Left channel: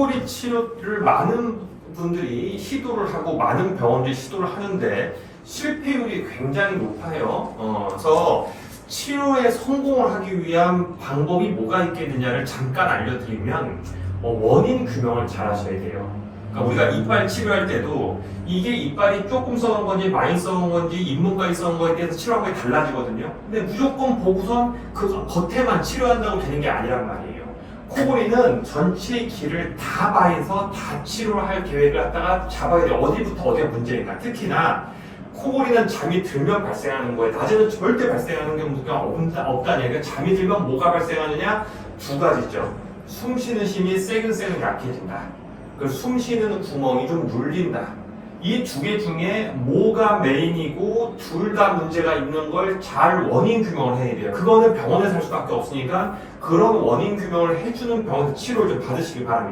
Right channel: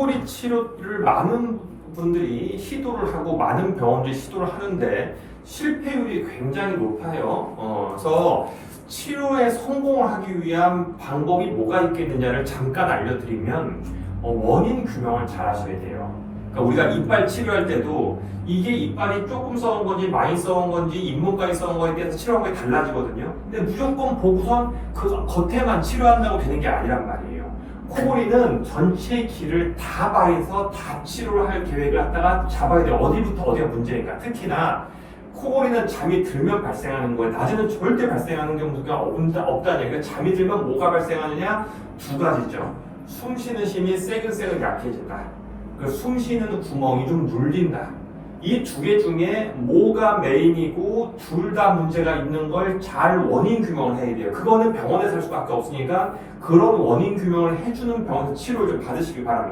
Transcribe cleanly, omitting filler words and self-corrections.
코골이 치료를 많은 분들이 시도를 하고 많은 병원들이 시도를 하는데 실패율이 굉장히 높아요. 그래서 치료에 성공을 하기 위한 방법이 뭐가 있겠느냐를 잠깐 알려드리면 원인 규명을 잘 하셔야 돼요. 그러니까 우리가 이빨 치료할 때도 이게 이빨이 조금 썩은 건지 많이 썩은 건지 잇몸까지 썩은 거에 대해서 치료하는 게 달라지거든요. 근데 무조건 보고선 그 겉에만 치료한다고 되는 게 아니란 말이에요. 코골이는 전체 길을 다 봐서 다 치료를 할 계획을 갖다가 잡아야 돼요. 어디부터 어디가 문제니까. 특히나 코골이는 잠이 들면 발생하는 거예요. 낮에는 절대 발생하는 경우가 없다는 얘기예요. 잠이 들면 뭐가 발생하느냐? 두 가지죠. 숨 쉬는 힘이 세근세근 약해진다. 그리고 숨 쉬는 구멍이 좀 눌린다. 이 두 개 중에 뭐가 메인이고 둘 다 문제가 있는 걸 잘 원인 규명을 해야 돼요. 그거는 병원에서 할 수밖에 없으니까 그런 원인 규명을 해주는 병원에서 치료를 좀 받으시길 바랍니다.